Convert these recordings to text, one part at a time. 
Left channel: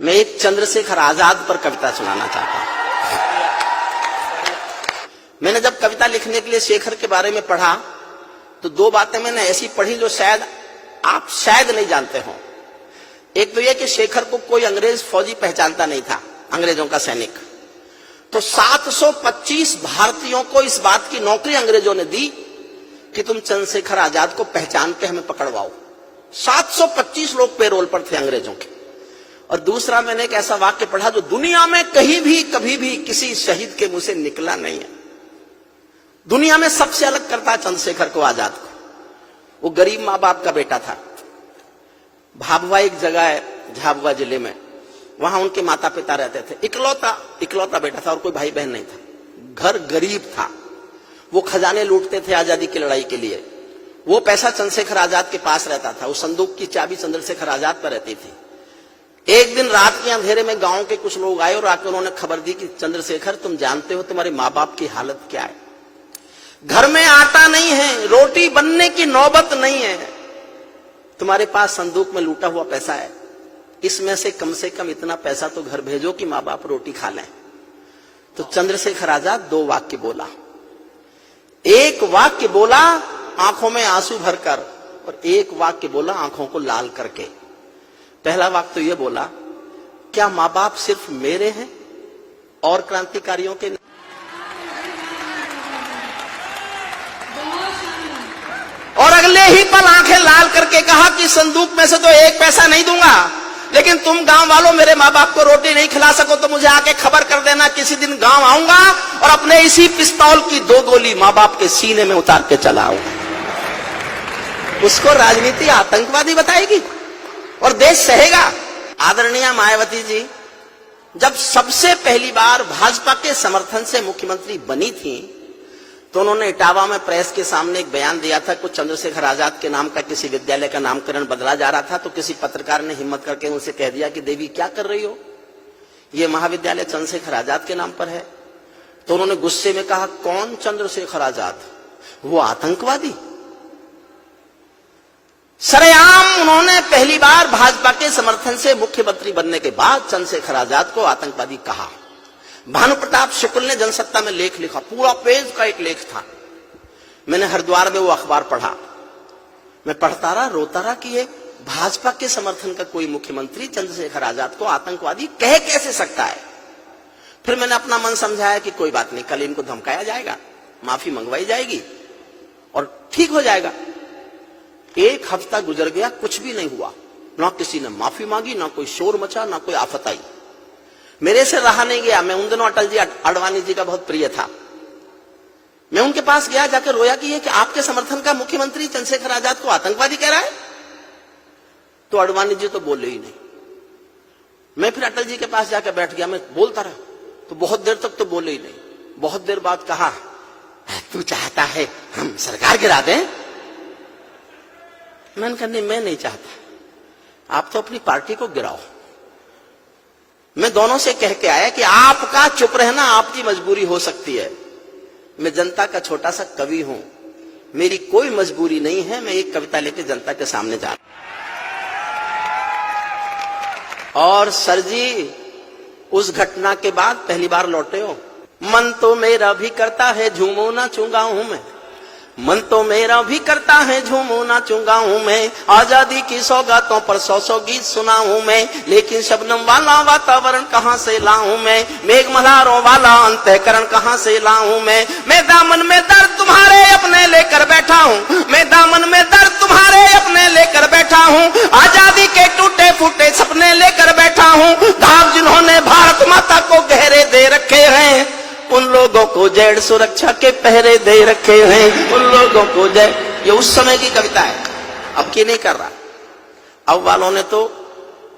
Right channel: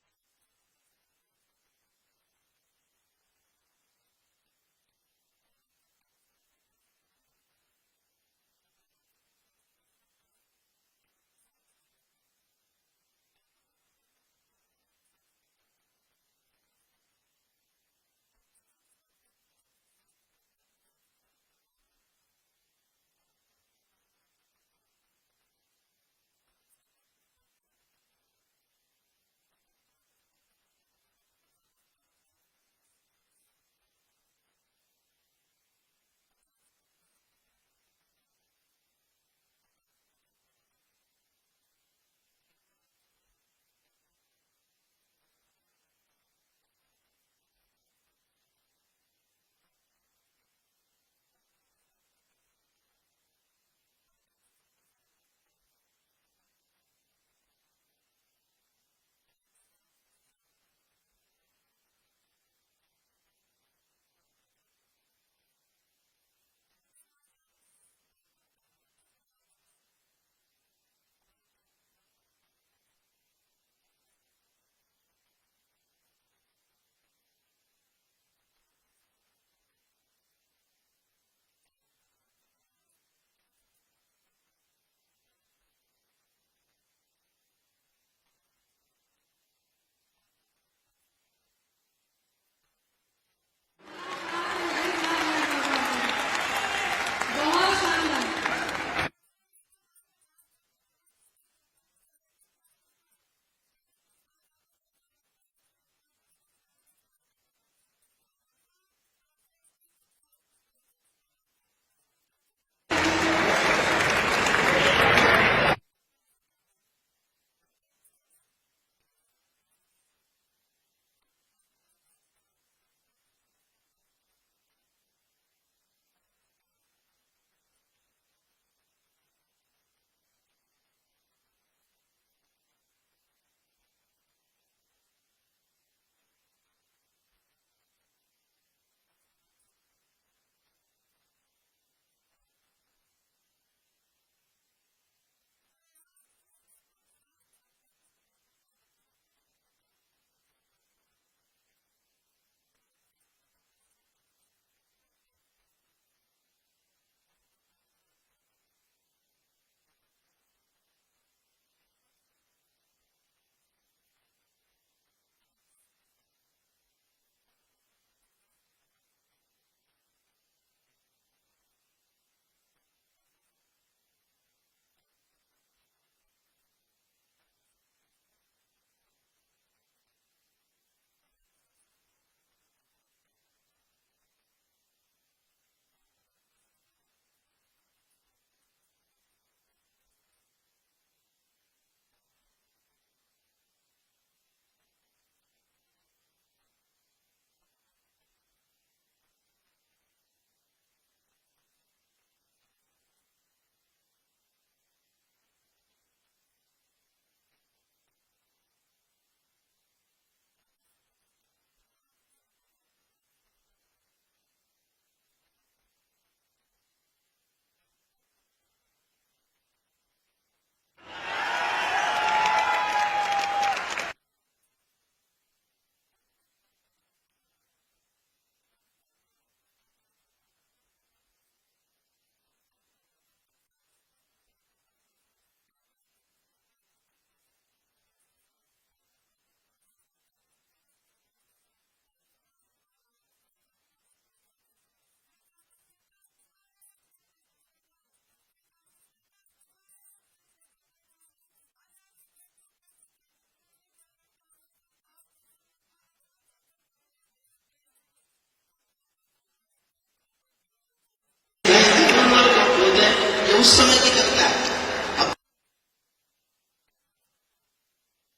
मैं एक चंद्रशेखर आजाद पर कविता सुनाना चाहता हूं। मैंने जब कविता लिखने के लिए शेखर के बारे में पढ़ा तो दो बातें मैंने ऐसी पढ़ी जो शायद आप नहीं जानते हो। एक तो यह कि शेखर को कोई अंग्रेज फौजी पहचानता नहीं था, अंग्रेजों का सैनिक। तो 725 भारतीयों को इस बात की नौकरी अंग्रेजों ने दी कि तुम चंद्रशेखर आजाद को पहचान के हमें पकड़वाओ। 725 लोग पेरोल पर थे अंग्रेजों के। और दूसरा, मैंने एक ऐसा वाक्य पढ़ा जो दुनिया में कहीं भी कभी भी किसी शहीद के मुंह से निकला नहीं है। दुनिया में सबसे अलग करता है चंद्रशेखर को, आजाद को। वो गरीब मां बाप का बेटा था। भाभुआ एक जगह है झाबुआ जिले में, वहां उनके माता पिता रहते थे। इकलौता बेटा था और कोई भाई बहन नहीं था। घर गरीब था। वो खजाने लूटते थे आजादी की लड़ाई के लिए। वो पैसा चंद्रशेखर आजाद के पास रहता था। उस संदूक की चाबी चंद्रशेखर आजाद पर रहती थी। एक दिन रात के अंधेरे में गांव के कुछ लोग आए और आकर उन्होंने खबर दी कि चंद्रशेखर, तुम जानते हो तुम्हारे माँ बाप की हालत क्या है। घर में आटा नहीं है, रोटी बनने की नौबत नहीं है। तुम्हारे पास संदूक में लूटा हुआ पैसा है, इसमें से कम इतना पैसा तो घर भेजो कि माँ बाप रोटी खा लें। तो चंद्रशेखर आजाद दो वाक्य बोला। एक वाक्य बोला आंखों में आंसू भरकर, और एक वाक्य बोला आंखों को लाल करके। पहला वाक्य तो यह बोला, क्या माँ बाप सिर्फ मेरे हैं और क्रांतिकारियों के नहीं? और अगले ही पल आंखें लाल करके कहा कि संदूक में से तो एक पैसा नहीं दूंगा, लेकिन तुम गांव वालों मेरे माँ बाप को रोटी नहीं खिला सको तो मुझे आके खबर कर देना। किसी दिन गांव आऊंगा और अपने इसी पिस्तौल की 2 गोली माँ बाप के सीने में उतार के चला आऊंगा। उसको राजनीति आतंकवादी बताएगी और देश सहेगा। आदरणीय मायावती जी जब सबसे पहली बार भाजपा के समर्थन से मुख्यमंत्री बनी थी तो उन्होंने इटावा में प्रेस के सामने एक बयान दिया था। कुछ चंद्रशेखर आजाद के नाम का किसी विद्यालय का नामकरण बदला जा रहा था, तो किसी पत्रकार ने हिम्मत करके उनसे कह दिया कि देवी क्या कर रही हो, यह महाविद्यालय चंद्रशेखर आजाद के नाम पर है। तो उन्होंने गुस्से में कहा, कौन चंद्रशेखर आजाद, वो आतंकवादी। सरेआम उन्होंने पहली बार भाजपा के समर्थन से मुख्यमंत्री बनने के बाद चंद्रशेखर आजाद को आतंकवादी कहा। भानु प्रताप शुक्ल ने जनसत्ता में लेख लिखा, पूरा पेज का एक लेख था। मैंने हरिद्वार में वो अखबार पढ़ा। मैं पढ़ता रहा, रोता रहा कि ये भाजपा के समर्थन का कोई मुख्यमंत्री चंद्रशेखर आजाद को आतंकवादी कह कैसे सकता है। फिर मैंने अपना मन समझाया कि कोई बात नहीं, कल इनको धमकाया जाएगा, माफी मंगवाई जाएगी और ठीक हो जाएगा। एक हफ्ता गुजर गया, कुछ भी नहीं हुआ। ना किसी ने माफी मांगी, ना कोई शोर मचा, ना कोई आफत आई। मेरे से रहा नहीं गया। मैं उन दिनों अटल जी अडवाणी जी का बहुत प्रिय था। मैं उनके पास गया, जाकर रोया कि ये कि आपके समर्थन का मुख्यमंत्री चंद्रशेखर आजाद को आतंकवादी कह रहा है। तो अडवाणी जी तो बोले ही नहीं। मैं फिर अटल जी के पास जाकर बैठ गया। मैं बोलता रहा तो बहुत देर तक तो बोले ही नहीं। बहुत देर बाद कहा, तू चाहता है हम सरकार गिरा दें? मैंने कहा नहीं, मैं नहीं चाहता, आप तो अपनी पार्टी को गिराओ। मैं दोनों से कह के आया कि आपका चुप रहना आपकी मजबूरी हो सकती है। मैं जनता का छोटा सा कवि हूं, मेरी कोई मजबूरी नहीं है। मैं एक कविता लेकर जनता के सामने जा रहा हूं। और सर जी उस घटना के बाद पहली बार लौटे हो। मन तो मेरा भी करता है झूमो नाचूंगा हूं मैं, मन तो मेरा भी करता है झूमो नाचूंगा हूं मैं। आजादी की सौगातों पर 100 गीत सुनाऊं मैं, लेकिन शबनम वाला वातावरण कहां से लाऊं मैं, मेघ मल्हारों वाला अंतःकरण कहां से लाऊं मैं दामन में दर्द तुम्हारे अपने लेकर बैठा हूं, मैं दामन में दर्द तुम्हारे अपने लेकर बैठा हूं। आजादी के टूटे फूटे सपने लेकर बैठा हूं। घाव जिन्होंने भारत माता को गहरे दे रखे हैं, उन लोगों को जेड सुरक्षा के पहरे दे रखे हैं, उन लोगों को जेड। ये उस समय की कविता है, अब की नहीं कर रहा। अब वालों ने तो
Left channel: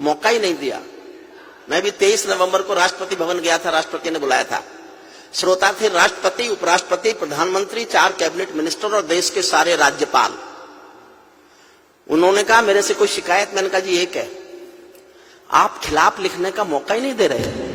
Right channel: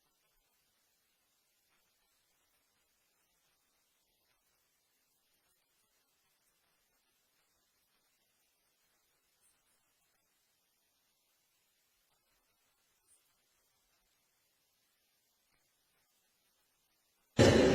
मौका ही नहीं दिया। मैं भी 23 नवंबर को राष्ट्रपति भवन गया था, राष्ट्रपति ने बुलाया था। श्रोता थे राष्ट्रपति, उपराष्ट्रपति, प्रधानमंत्री, 4 कैबिनेट मिनिस्टर और देश के सारे राज्यपाल। उन्होंने कहा मेरे से कोई शिकायत? मैंने कहा जी एक है, आप खिलाफ लिखने का मौका ही नहीं दे रहे।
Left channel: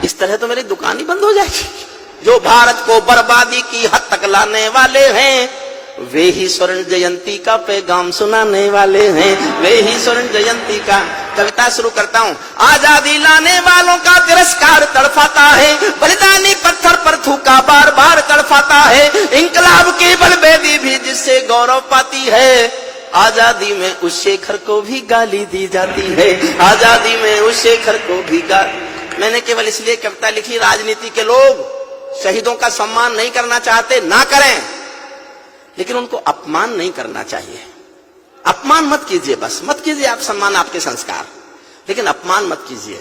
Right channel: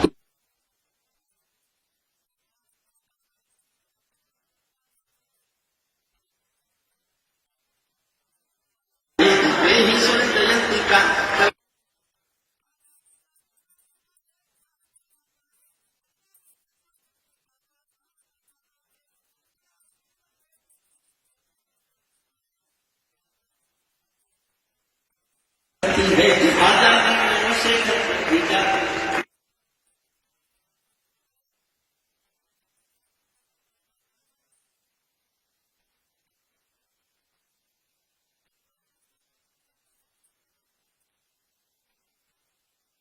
इस तरह तो मेरी दुकान ही बंद हो जाएगी। जो भारत को बर्बादी की हद तक लाने वाले हैं वे ही स्वर्ण जयंती का पैगाम सुनाने वाले हैं, वे ही स्वर्ण जयंती का। कविता शुरू करता हूँ। आजादी लाने वालों का तिरस्कार तड़फाता है, बलिदानी पत्थर पर थूका बार बार तड़फाता है। इंकलाब की बलबेदी भी जिससे गौरव पाती है, आजादी में उस शेखर को भी गाली दी जाती है, आजादी में उस शेखर को भी गाली। मैंने केवल इसलिए कविता लिखी, राजनीति के लोग शहीदों का सम्मान नहीं करना चाहते, ना करें, लेकिन उनको अपमान नहीं करना चाहिए। अपमान मत कीजिए, बस मत कीजिए आप सम्मान, आपके संस्कार, लेकिन अपमान मत कीजिए।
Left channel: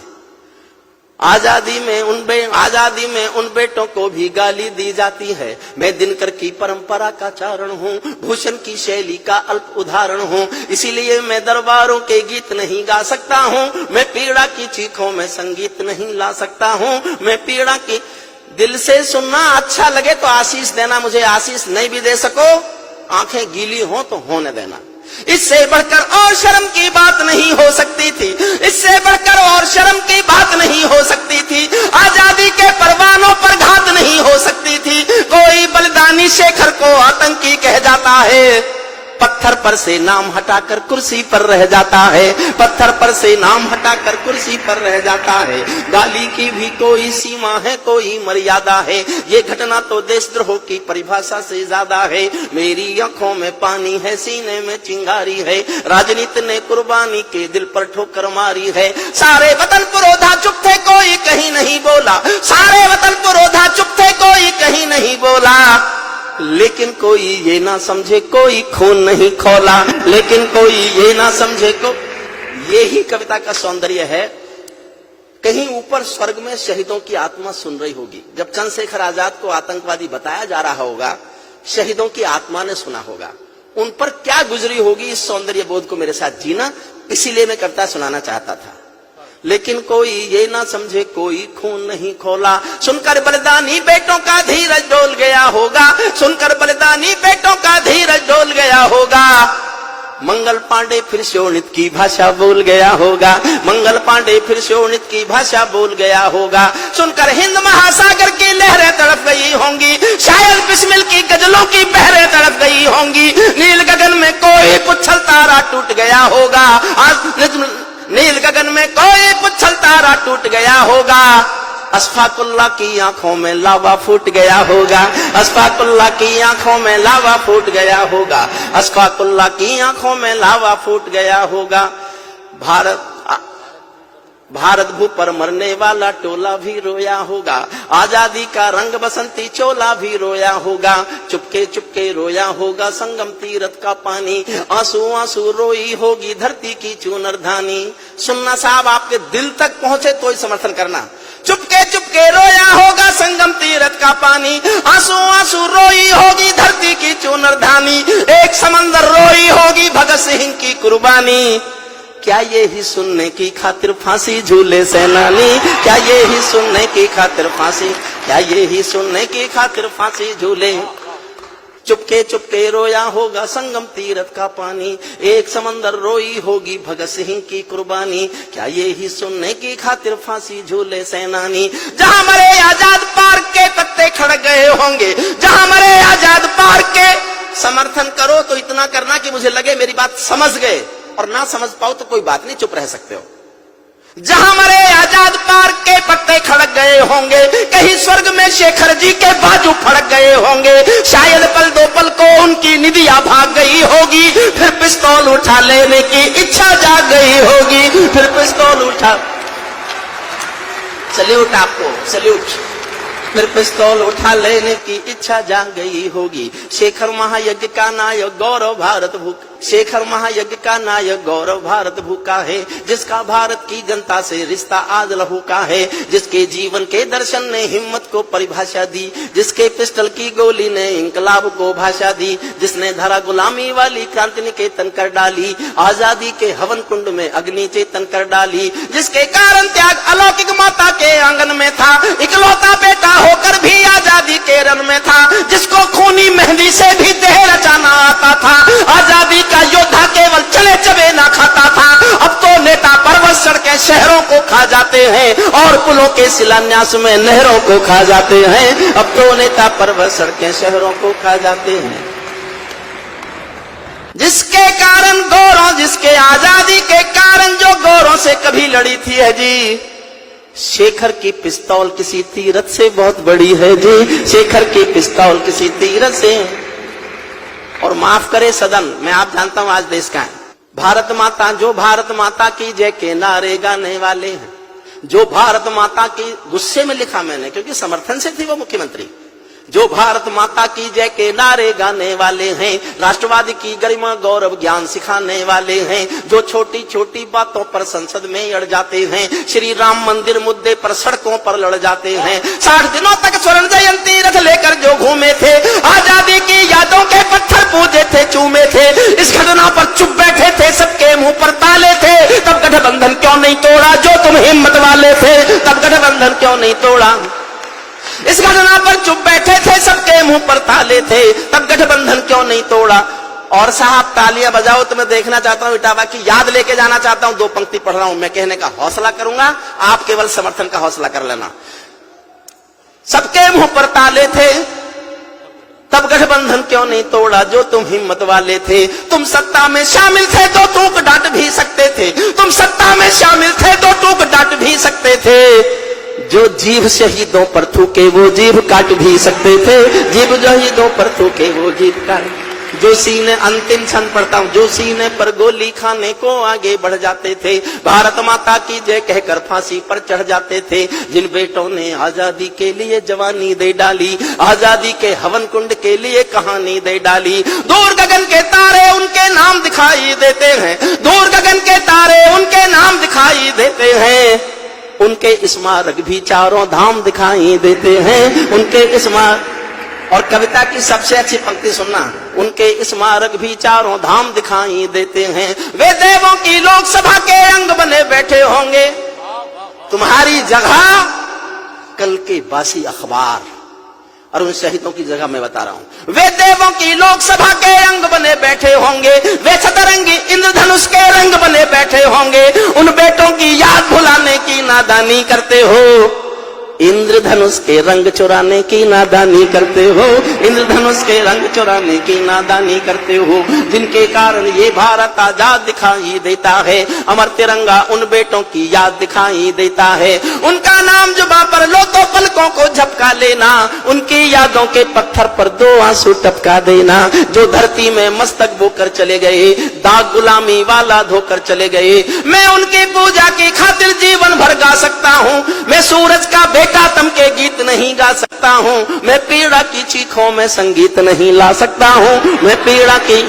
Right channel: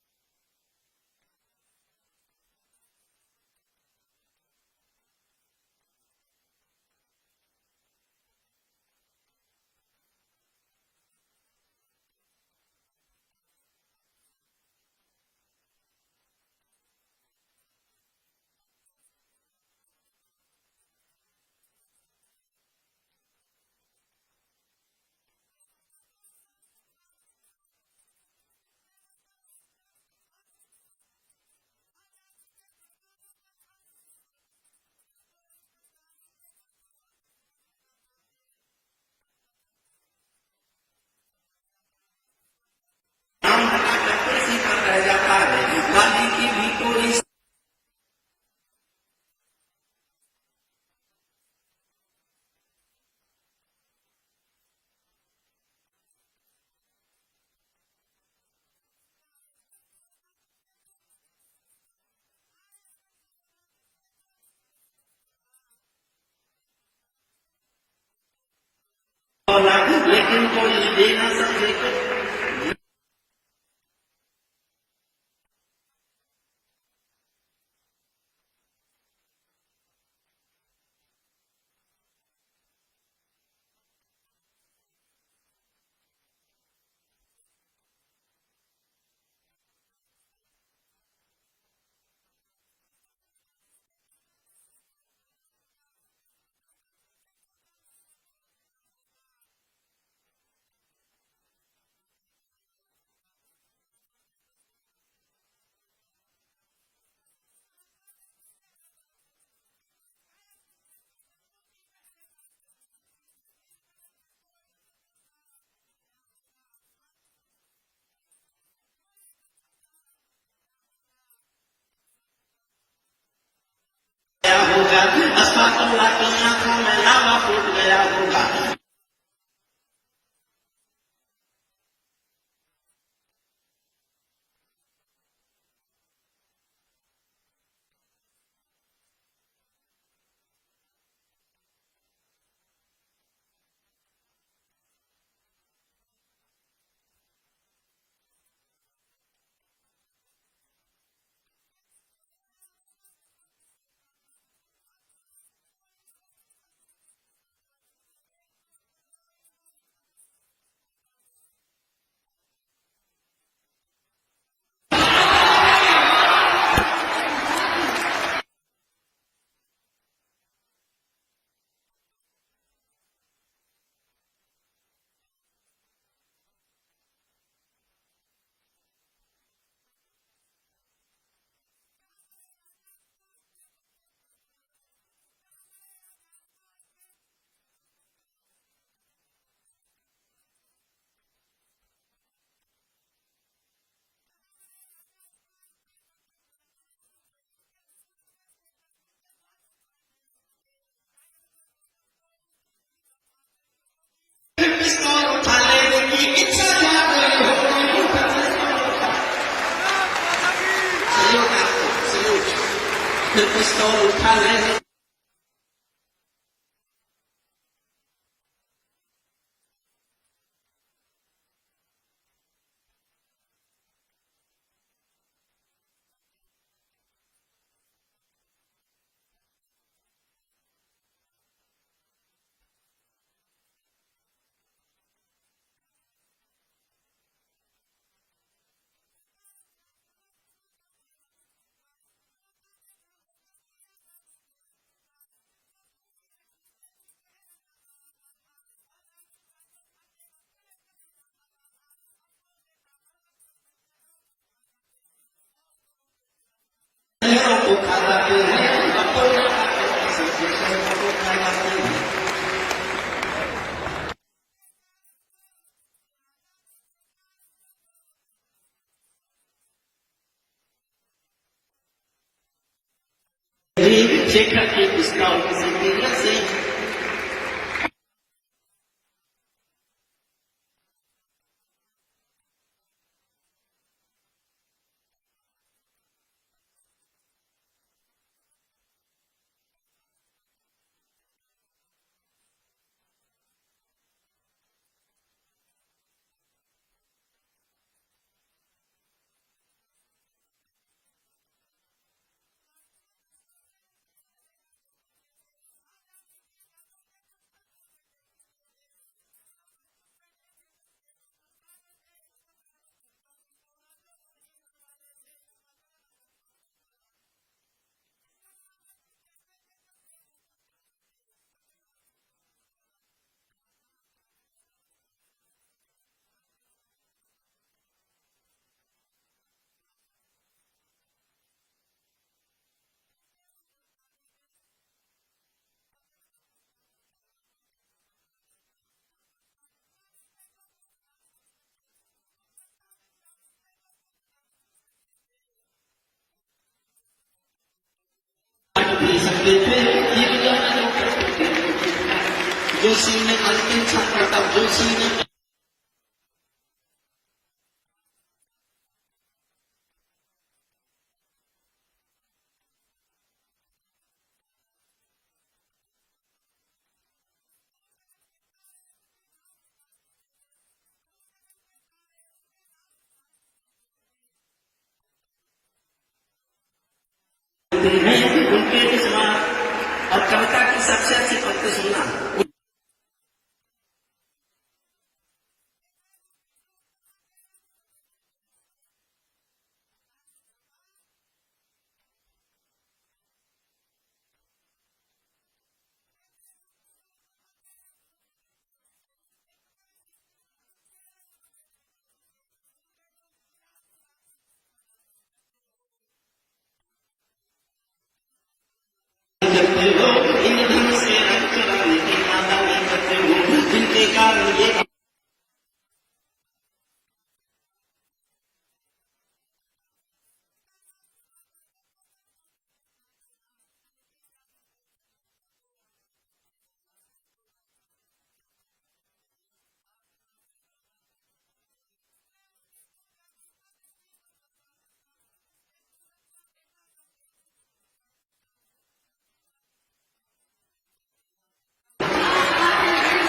आजादी में उन बेटों को भी गाली दी जाती है। मैं दिनकर की परंपरा का चारण हूँ, भूषण की शैली का अल्प उदाहरण हूँ, इसीलिए मैं दरबारों के गीत नहीं गा सकता हूँ। मैं पीड़ा की चीखों में संगीत नहीं ला सकता हूँ। मैं पीड़ा की दिल से सुनना अच्छा लगे तो आशीष देना, मुझे आशीष नहीं भी दे सको, आंखें गीली हो तो होने देना। इससे बढ़कर और शर्म की बात नहीं हो सकती थी, इससे बढ़कर और शर्म की बात नहीं हो सकती थी। आजादी के परवानों पर घात नहीं हो सकती थी। कोई बलिदानी शेखर को आतंकी कह जाता है, पत्थर पर से नाम हटाकर कुर्सी पर रह जाता है, पत्थर पर से नाम हटाकर कुर्सी पर रह जाता है। गाली की भी कोई सीमा है, कोई मर्यादा है, ये घटना तो देशद्रोह की परिभाषा से ज्यादा है। मेरी आंखों में पानी है, सीने में चिंगारी है, राजनीति ने कुर्बानी के दिल पर ठोकर मारी है। सारे वतन पुरोधा चुप थे, कोई कहीं नहीं बोला, सारे वतन पुरोधा चुप थे, कोई कहीं नहीं बोला। लेकिन कोई ये ना समझे कोई खून नहीं खौला, लेकिन कोई ये ना समझे को। ये ही कविता का सौंदर्य है। कहीं ऊपर स्वर्ग में शहीदों की आत्मा सुन रही होगी। जब चंद्रशेखर आजाद को आतंकवादी बताया जा रहा होगा, शहीदों की आत्मा ने सुना होगा, उन पर क्या गुजरी होगी, इस सौंदर्य बोध को मेरे साथ जीना, इसीलिए मैं कविता सुनाना चाहता था। लेकिन कोई ये ना समझे कोई खून नहीं खोला, सुनकर बलिदानी बेटों का धीरज डोल गया होगा, सुनकर बलिदानी बेटों का धीरज डोल गया होगा। मंगल पांडे फिर शोणित की भाषा बोल गया होगा, मंगल पांडे फिर शोणित की भाषा बोल गया होगा। सुनकर हिंद महासागर की लहरें तड़प गई होंगी, शायद बिस्मिल की गजलों की बहरें तड़प गई होंगी। नील गगन में कोई पुच्छल तारा टूट गया होगा, नील गगन में कोई पुच्छल तारा टूट गया होगा। अशफाकुल्लाह की आंखों में लावा फूट गया होगा, अशफाकुल्लाह की आंखों में लावा फूट गया होगा, अशफाकुल्लाह की आंखों में लावा फूट गया होगा। भारत भू पर मरने वाला टोला भी रोया होगा, आजादी का रंग बसंती चोला भी रोया होगा। चुपके चुपके रोया होगा संगम तीरथ का पानी, आंसू आंसू रोई होगी धरती की चूनर धानी। सुनना साहब, आपके दिल तक पहुंचे तो ही समर्थन करना। चुपके चुपके रोया होगा संगम तीरथ का पानी, आंसू आंसू रोई होगी धरती की चूनर धानी। एक समंदर रोई होगी भगत सिंह की कुर्बानी। क्या ये ही सुनने की खातिर फांसी झूले सेनानी, क्या ये ही सुनने की खातिर फांसी, क्या ये ही सुनने की खातिर फांसी झूले। चुपके चुपके रोया होगा संगम तीरथ का पानी, एक समंदर रोई होगी भगत सिंह की कुर्बानी। क्या ये ही सुनने की खातिर फांसी झूले सेनानी। जहां मरे आजाद पार्क के पत्ते खड़क गए होंगे, जहां मरे आजाद पार्क के। समर्थन करो तो इतना करना कि मुझे लगे मेरी बात समझ गए, और ना समझ पाओ तो कोई बात नहीं, चुप रह सकते हो। जहां मरे आजाद पार्क के पत्ते खड़क गए होंगे, कहीं स्वर्ग में शेखर जी के बाजू फड़क गए होंगे। शायद पल दो पल को उनकी निदिया भाग गई होगी, फिर पिस्तौल उठा लेने की इच्छा जाग गई होगी, फिर पिस्तौल उठा। सल्यूट आपको, सल्यूट। फिर पिस्तौल उठा लेने की इच्छा जाग गई होगी। शेखर महायज्ञ का नायक गौरव भारत भूखा, शेखर महायज्ञ का नायक गौरव भारत भूखा है, जिसका भारत की जनता से रिश्ता आज लहू का है, जिसके जीवन के दर्शन ने हिम्मत को परिभाषा दी, जिसके पिस्टल की गोली ने इंकलाब को भाषा दी, जिसने धरा गुलामी वाली क्रांति निकेतन कर डाली, आजादी के हवन कुंड में अग्नि चेतन कर डाली, जिसके कारण त्याग अलौकिक माता के आंगन में था, इकलौता बेटा होकर भी आजादी के रन में था, जिसको खूनी मेहंदी से भी देह रचाना आता था। आजादी का योद्धा केवल चले चबे ना खाता था, अब तो नेता पर्वत चढ़ के शहरों को खा जाते हैं और पुलों के शिलान्यास में नहरों को खा जाते हैं। अब तो नेता पर्वत चढ़ के शहरों को खा जाते हैं। जिसके कारण गोरों, जिसके आजादी के कारण जो गोरों से कभी लड़ी थी है जी, शेखर की पिस्तौल किसी तीरथ से बहुत बड़ी है जी, शेखर की पिस्तौल किसी तीरथ से। और माफ करे सदन, मैं आप जानता हूं आज देश का है, भारत माता, जो भारत माता की जय के नारे गाने वाले हैं, जो भारत माता की, गुस्से में लिखा मैंने क्योंकि समर्थन से थी वो मुख्यमंत्री, जो भारत माता की जय के नारे गाने वाले हैं, राष्ट्रवादी की गरिमा गौरव ज्ञान सिखाने वाले हैं, जो छोटी छोटी बातों पर संसद में अड़ जाते हैं, श्री राम मंदिर मुद्दे पर सड़कों पर लड़ जाते हैं, 60 दिनों तक स्वर्ण जयंती रथ लेकर जो घूमे थे, आजादी की यादों के पत्थर पूजे थे, चूमे थे, इस घटना पर चुप बैठे थे, सबके मुंह पर ताले थे, तब गठबंधन क्यों नहीं तोड़ा, जो तुम हिम्मत वाले थे, तब गठबंधन क्यों नहीं तोड़ा। इस घटना पर चुप बैठे थे, सबके मुंह पर ताले थे, तब गठबंधन क्यों नहीं तोड़ा। और साहब तालियां बजाओ तो मैं देखना चाहता हूं, इटावा की याद लेके जाना चाहता हूं, 2 पंक्ति पढ़ रहा हूं, मैं कहने का हौसला करूंगा, आप केवल समर्थन का हौसला कर लेना। सबके मुंह पर ताले थे, तब गठबंधन क्यों नहीं तोड़ा, जो तुम हिम्मत वाले थे, तुम सत्ता में शामिल थे तो टूक डांट भी सकते थे, तुम सत्ता में शामिल थे तो टूक डांट भी सकते थे, जो जीभ शहीदों पर थूके वो जीभ काट भी सकते थे, जीभ शहीदों पर थूके वो जीभ काट, जो सीने अंतिम क्षण पड़ता हूं, जो सीने पर गोली खाने को आगे बढ़ जाते थे, भारत माता की जय कहकर फांसी पर चढ़ जाते थे, जिन बेटों ने आजादी के लिए जवानी दे डाली, आजादी के हवन कुंड के लिए कहानी दे डाली, दूर गगन के तारे उनके नाम दिखाई देते हैं, दूर गगन के तारे उनके नाम दिखाई देते हैं, उनके स्मारक भी चारों धाम दिखाई देते हैं, उनके स्मारक। और कविता की सबसे अच्छी पंक्ति सुनना, उनके स्मारक भी चारों धाम दिखाई देते हैं, वे देवों की लोकसभा के अंग बने बैठे होंगे, तुम्हारी जगह कल के बासी अखबार। और उन शहीदों की जगह मैं बता रहा हूं, वे देवों की लोकसभा के अंग बने बैठे होंगे, वे सतरंगी इंद्रधनुष के रंग बने बैठे होंगे, उन बेटों की याद भुलाने की नादानी करते हो, इंद्रधनुष के रंग चुराने की नादानी करते हो, इंद्रधनुष के रंग चुराने की नादानी करते हो, जिनके कारण ये भारत आजाद दिखाई देता है, अमर तिरंगा उन बेटों की याद दिखाई देता है, उनका नाम जुबां पर लो तो पलकों को झपका लेना, उनकी यादों के पत्थर पर 2 आंसू टपका देना, जो धरती में मस्तक बोकर चले गए, दाग गुलामी वाला धोकर चले गए, मैं उनकी पूजा की खातिर जीवन भर गा सकता हूँ, मैं सूरज का तम के गीत नहीं गा सकता हूँ, मैं पीड़ा की चीखों में संगीत नहीं ला सकता हूँ, मैं पीड़ा की